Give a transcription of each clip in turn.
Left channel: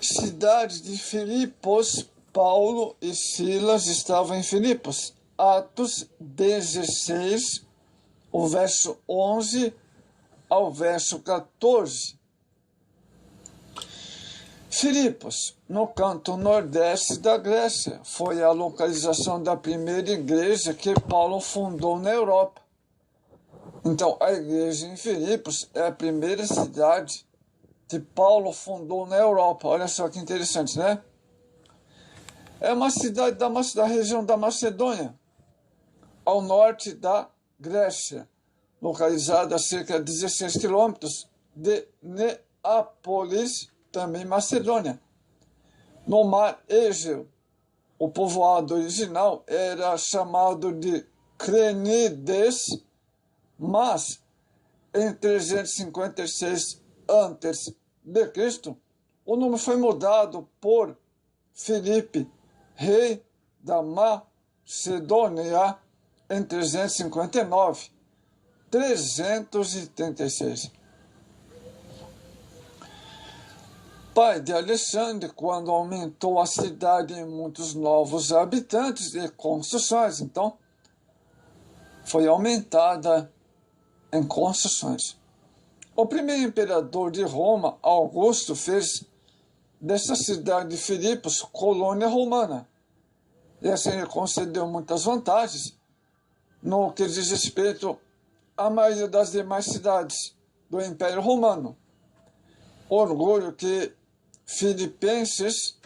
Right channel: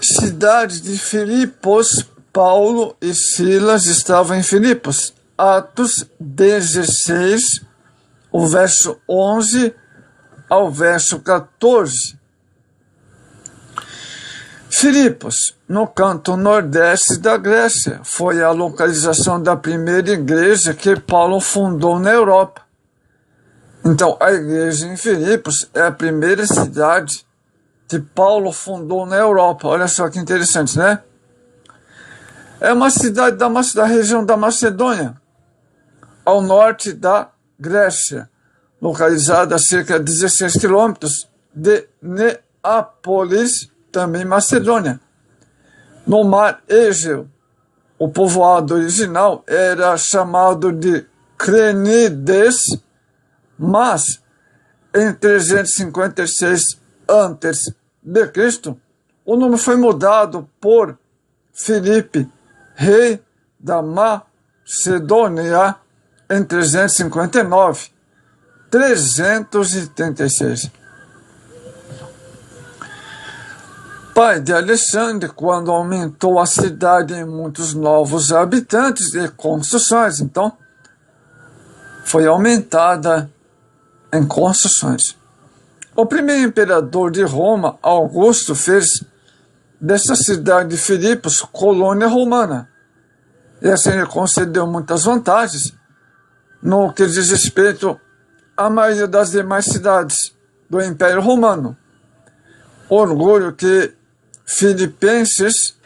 Cidade de Filipos, Paulo e Silas estavam em Filipos. Atos 16, o verso 11 ao verso 14. Filipos, no canto nordeste da Grécia, foi a localização da primeira igreja que Paulo fundou na Europa. Então, a igreja em Filipos é a primeira cidade que Paulo fundou na Europa. Olha só que interessante, né? É uma cidade da região da Macedônia, ao norte da Grécia, localizada a cerca de 16 quilômetros de Neápolis, também Macedônia, no mar Égeo. O povoado original era chamado de Crenides, mas em 356 a.C., o nome foi mudado por Filipe, rei da Macedônia, em 336. Pai de Alexandre, quando aumentou a cidade em muitos novos habitantes e construções, então foi aumentada em construções. O primeiro imperador de Roma, Augusto, fez dessa cidade de Filipos colônia romana. E assim ele concedeu muitas vantagens no que diz respeito à maioria das demais cidades do Império Romano. Orgulho que filipenses,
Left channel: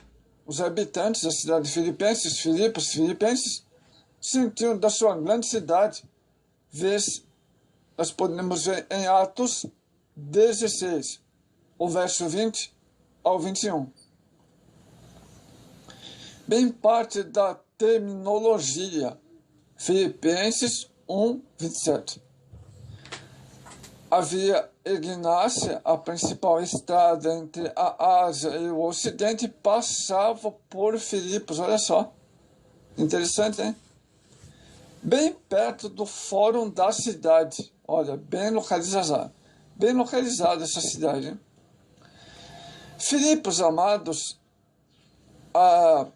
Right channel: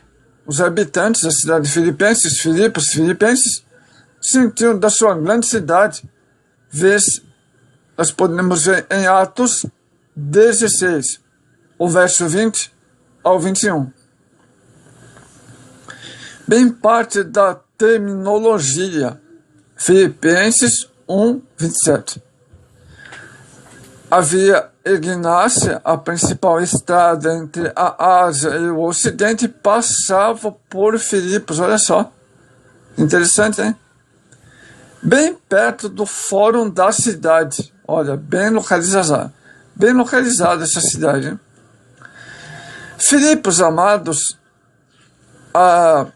os habitantes da cidade de filipenses, sentiram da sua grande cidade, nós podemos ver em Atos 16, o verso 20 ao 21. Bem parte da terminologia, Filipenses 1, 27. Havia Ignácia, a principal estrada entre a Ásia e o Ocidente, passava por Filipos. Olha só, interessante, hein? Bem perto do fórum da cidade. Olha, bem localizada essa cidade, hein? Filipos, amados, a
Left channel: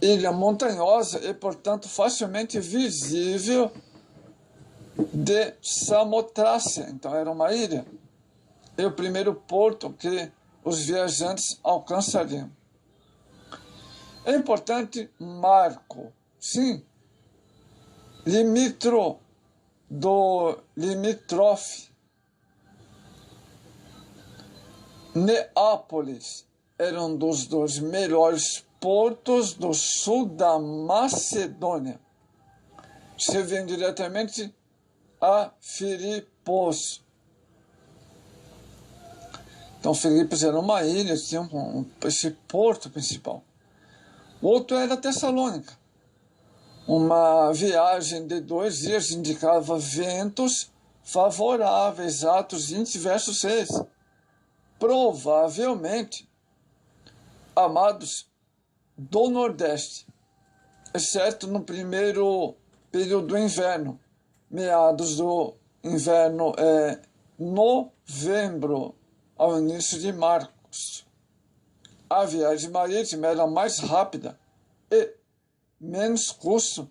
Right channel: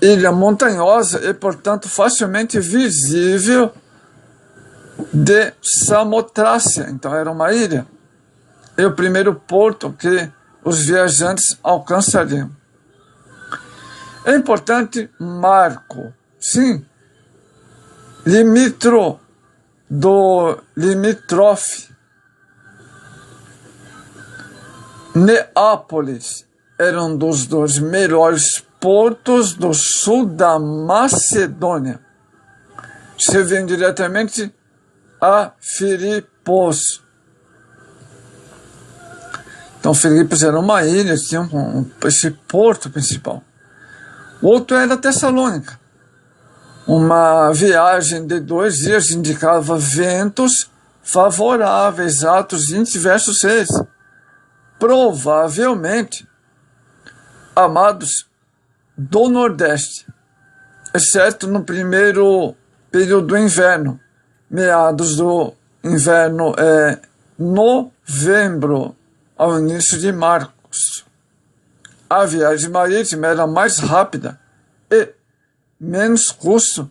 ilha montanhosa e, portanto, facilmente visível de Samotrácia. Então, era uma ilha. E o primeiro porto que os viajantes alcançariam. É importante marco. Sim, limítrofe. Neápolis era um dos dois melhores portos do sul da Macedônia. Serviam diretamente a Filipos. Então, Filipos era uma ilha, tinha esse porto principal. O outro era Tessalônica. Uma viagem de 2 dias indicava ventos favoráveis, Atos 20, verso 6. Provavelmente, amados, do Nordeste, exceto no primeiro período do inverno, meados do inverno novembro ao início de março. A viagem marítima era mais rápida e menos custo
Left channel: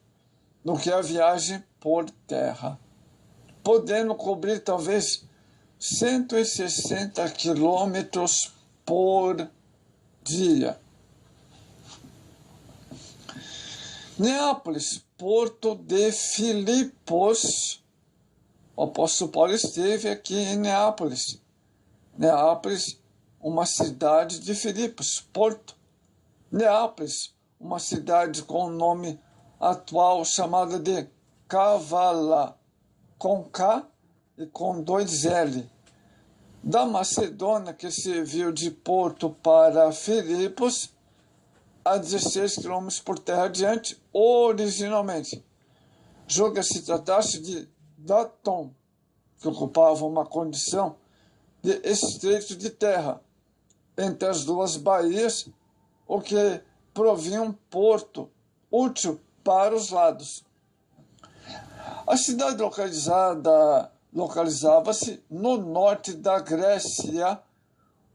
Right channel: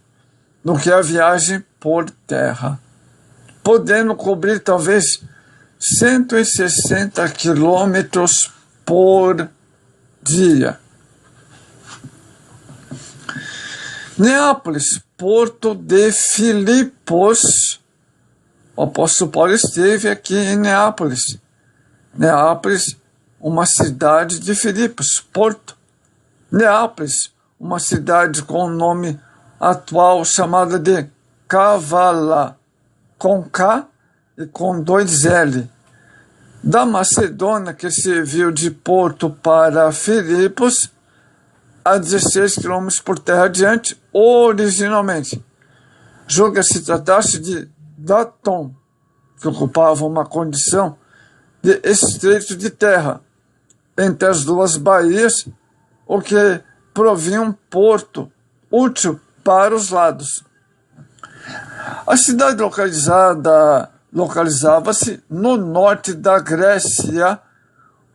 do que a viagem por terra, podendo cobrir talvez 160 quilômetros por dia. Neápolis, porto de Filipos. O apóstolo Paulo esteve aqui em Neápolis. Neápolis, uma cidade de Filipos, porto. Neápolis, uma cidade com o nome atual chamada de Kavala, com K e com 2 L. Da Macedônia, que serviu de porto para Filipos, a 16 quilômetros por terra adiante, originalmente. Julga-se tratar-se de Datom, que ocupava uma condição de estreito de terra entre as duas baías, o que provia um porto útil para os lados. A cidade localizava-se no norte da Grécia,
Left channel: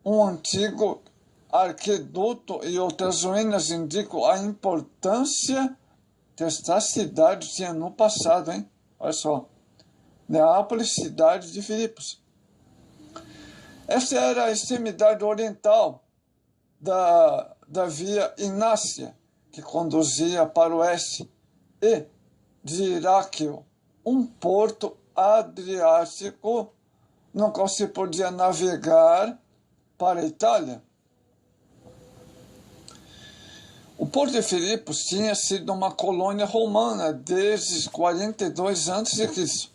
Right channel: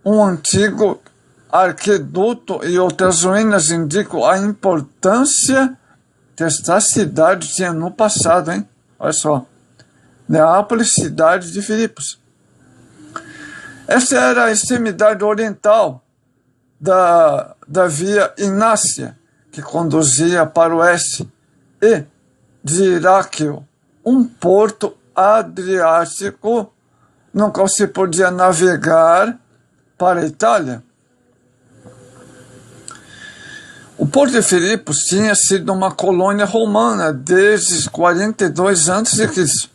um antigo Arqueduto e outras ruínas indicam a importância que esta cidade tinha no passado, hein? Olha só. Neápolis, cidade de Filipos. Esta era a extremidade oriental da via Inácia, que conduzia para o oeste, e de Iraquio, um porto adriático no qual se podia navegar para a Itália. O porto de Filipos tinha sido uma colônia romana desde 42 a.C.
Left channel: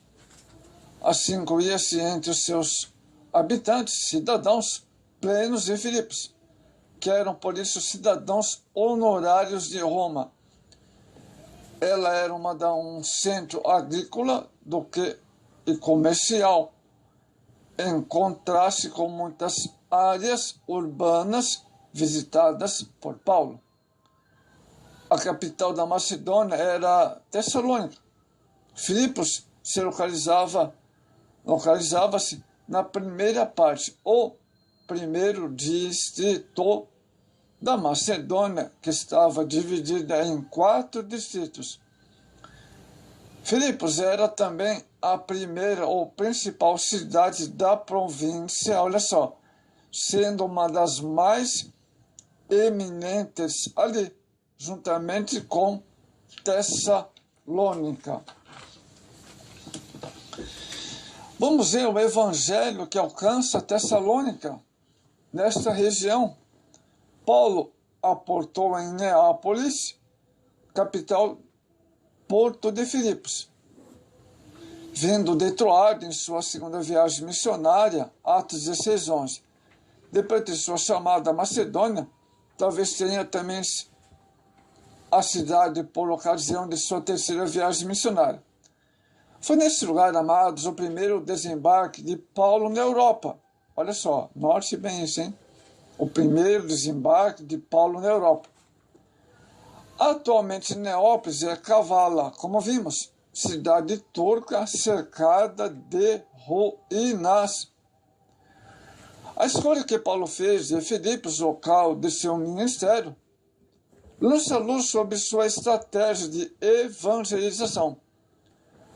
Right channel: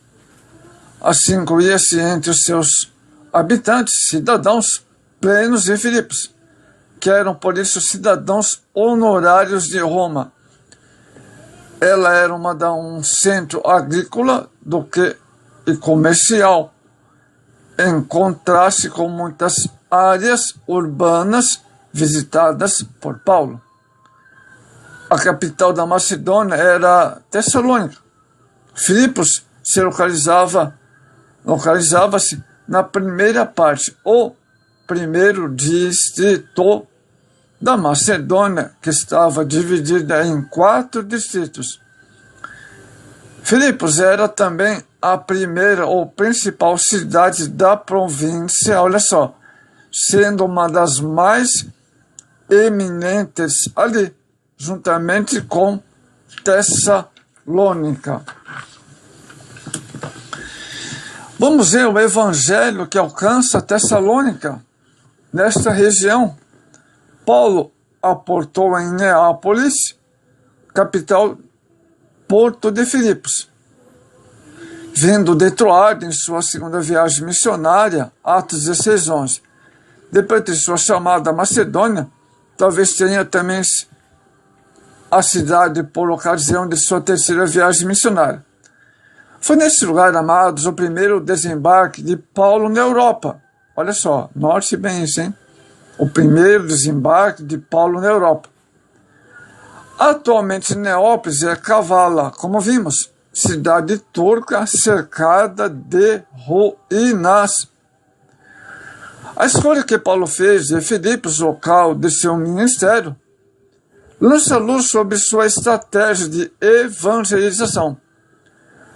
Assim incluía-se entre os seus habitantes cidadãos plenos de Filipos, que eram por isso cidadãos honorários de Roma. Ela era um centro agrícola e comercial, em contraste com muitas áreas urbanas visitadas por Paulo. A capital da Macedônia era Tessalônica. Filipos se localizava-se na primeira parte, o primeiro distrito da Macedônia, que estava dividida em 4 distritos. Filipos era também a primeira ou principal cidade da província, olha só, sendo uma das mais eminentes ali, juntamente com Tessalônica. Vamos ver o evangelho que alcança Tessalônica. Nesta região, Paulo aportou em Neápolis, capital Porto de Filipos. Vindo de Troade em sua segunda viagem missionária, Atos 16:11. Depois de sua chamada à Macedônia, talvez tenha também a cidade por ocasião de sua terceira viagem missionária. Foi nesse lugar, amados, o primeiro desembarque de Paulo na Europa. Olha só, note bem isso, hein? O primeiro desembarque de Paulo na Europa. Atualmente, Neápolis é Kavala, como vimos, cidade turca cercada de ruínas. A escolha que Paulo fez de Filipos, local de seu ministério, lança luz sobre sua estratégia de evangelização.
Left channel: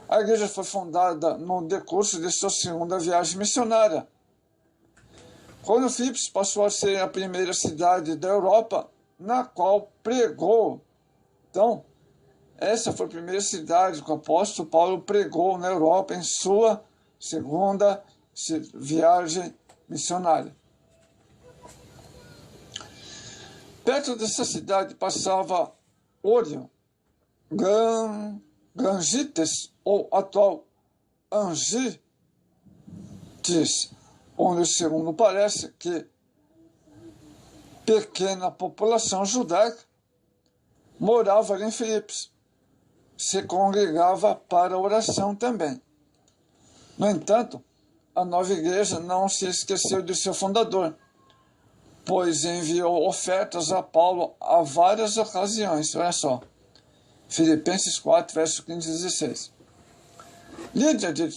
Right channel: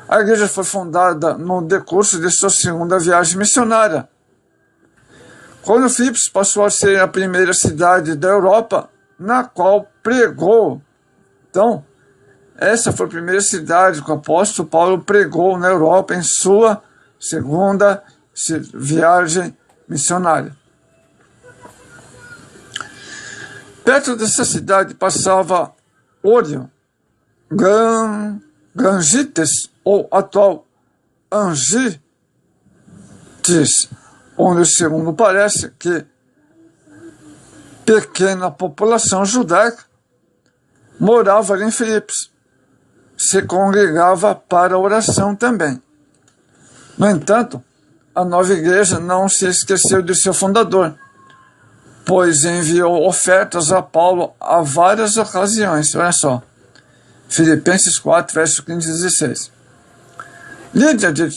A igreja foi fundada no decurso de sua segunda viagem missionária. Quando Filipos passou a ser a primeira cidade da Europa na qual pregou. Então, essa foi a primeira cidade que o apóstolo Paulo pregou na Europa em sua segunda viagem missionária. Perto dessa cidade passava Ório, Gangites, ou atual Angites, onde, segundo parece, que pequena população judaica morava ali em Filipos, se congregava para oração também. No entanto, a nova igreja não se esqueceu de seu fundador, pois enviou ofertas a Paulo a várias ocasiões. Olha só, Filipenses 4, verso 15 e 16. Lídia de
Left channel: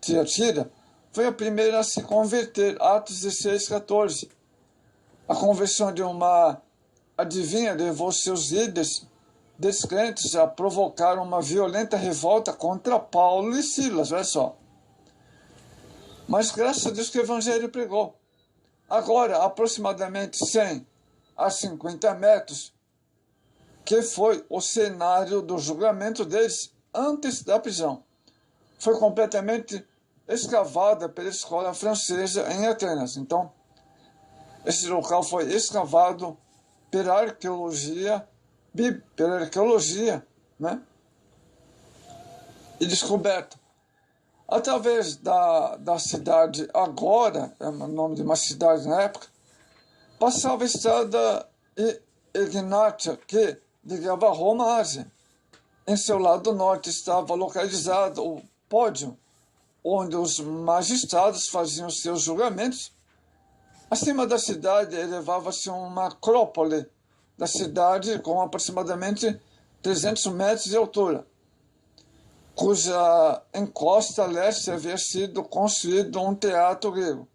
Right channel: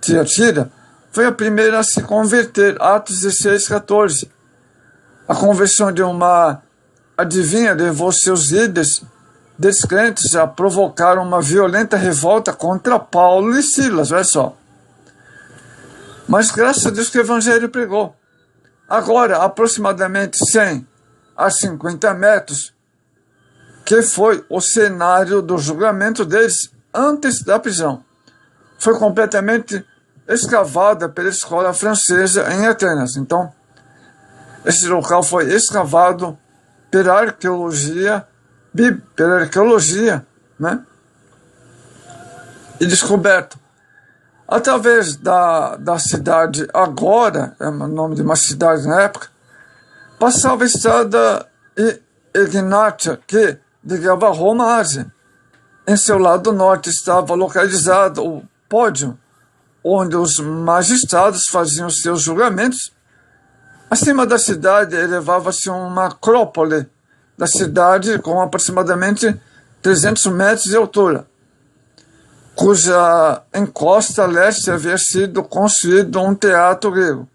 Tiatira foi a primeira a se converter, Atos 16, 14. A conversão de uma adivinha levou seus líderes descrentes a provocar uma violenta revolta contra Paulo e Silas, olha só. Mas graças a Deus que o evangelho pregou. Agora, aproximadamente 100 a 50 metros, que foi o cenário do julgamento deles antes da prisão, foi completamente escavada pela escola francesa em Atenas. Então, esse local foi escavado pela arqueologia, né? E descoberto. Através da cidade agora, é o nome de uma cidade na época, passava a estrada Egnatia, que ligava Roma à Ásia. Em seu lado norte estava localizado o pódio, onde os magistrados faziam seus julgamentos. Acima da cidade elevava-se uma acrópole da cidade com aproximadamente 300 metros de altura, cuja encosta leste havia sido construído um teatro grego.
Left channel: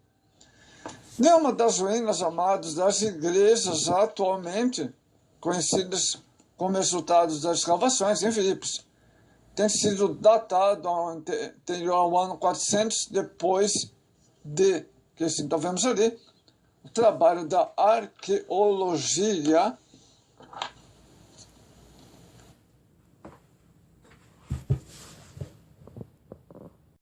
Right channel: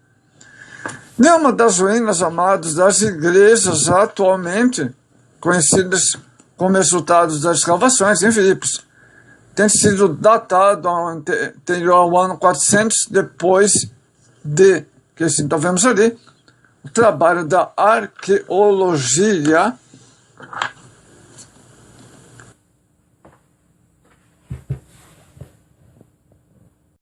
Nenhuma das ruínas, amados, das igrejas atualmente conhecidas como resultados das escavações em Filipos tem sido datado anterior ao ano 400 depois de, que assim, então vemos ali, o trabalho da arqueologia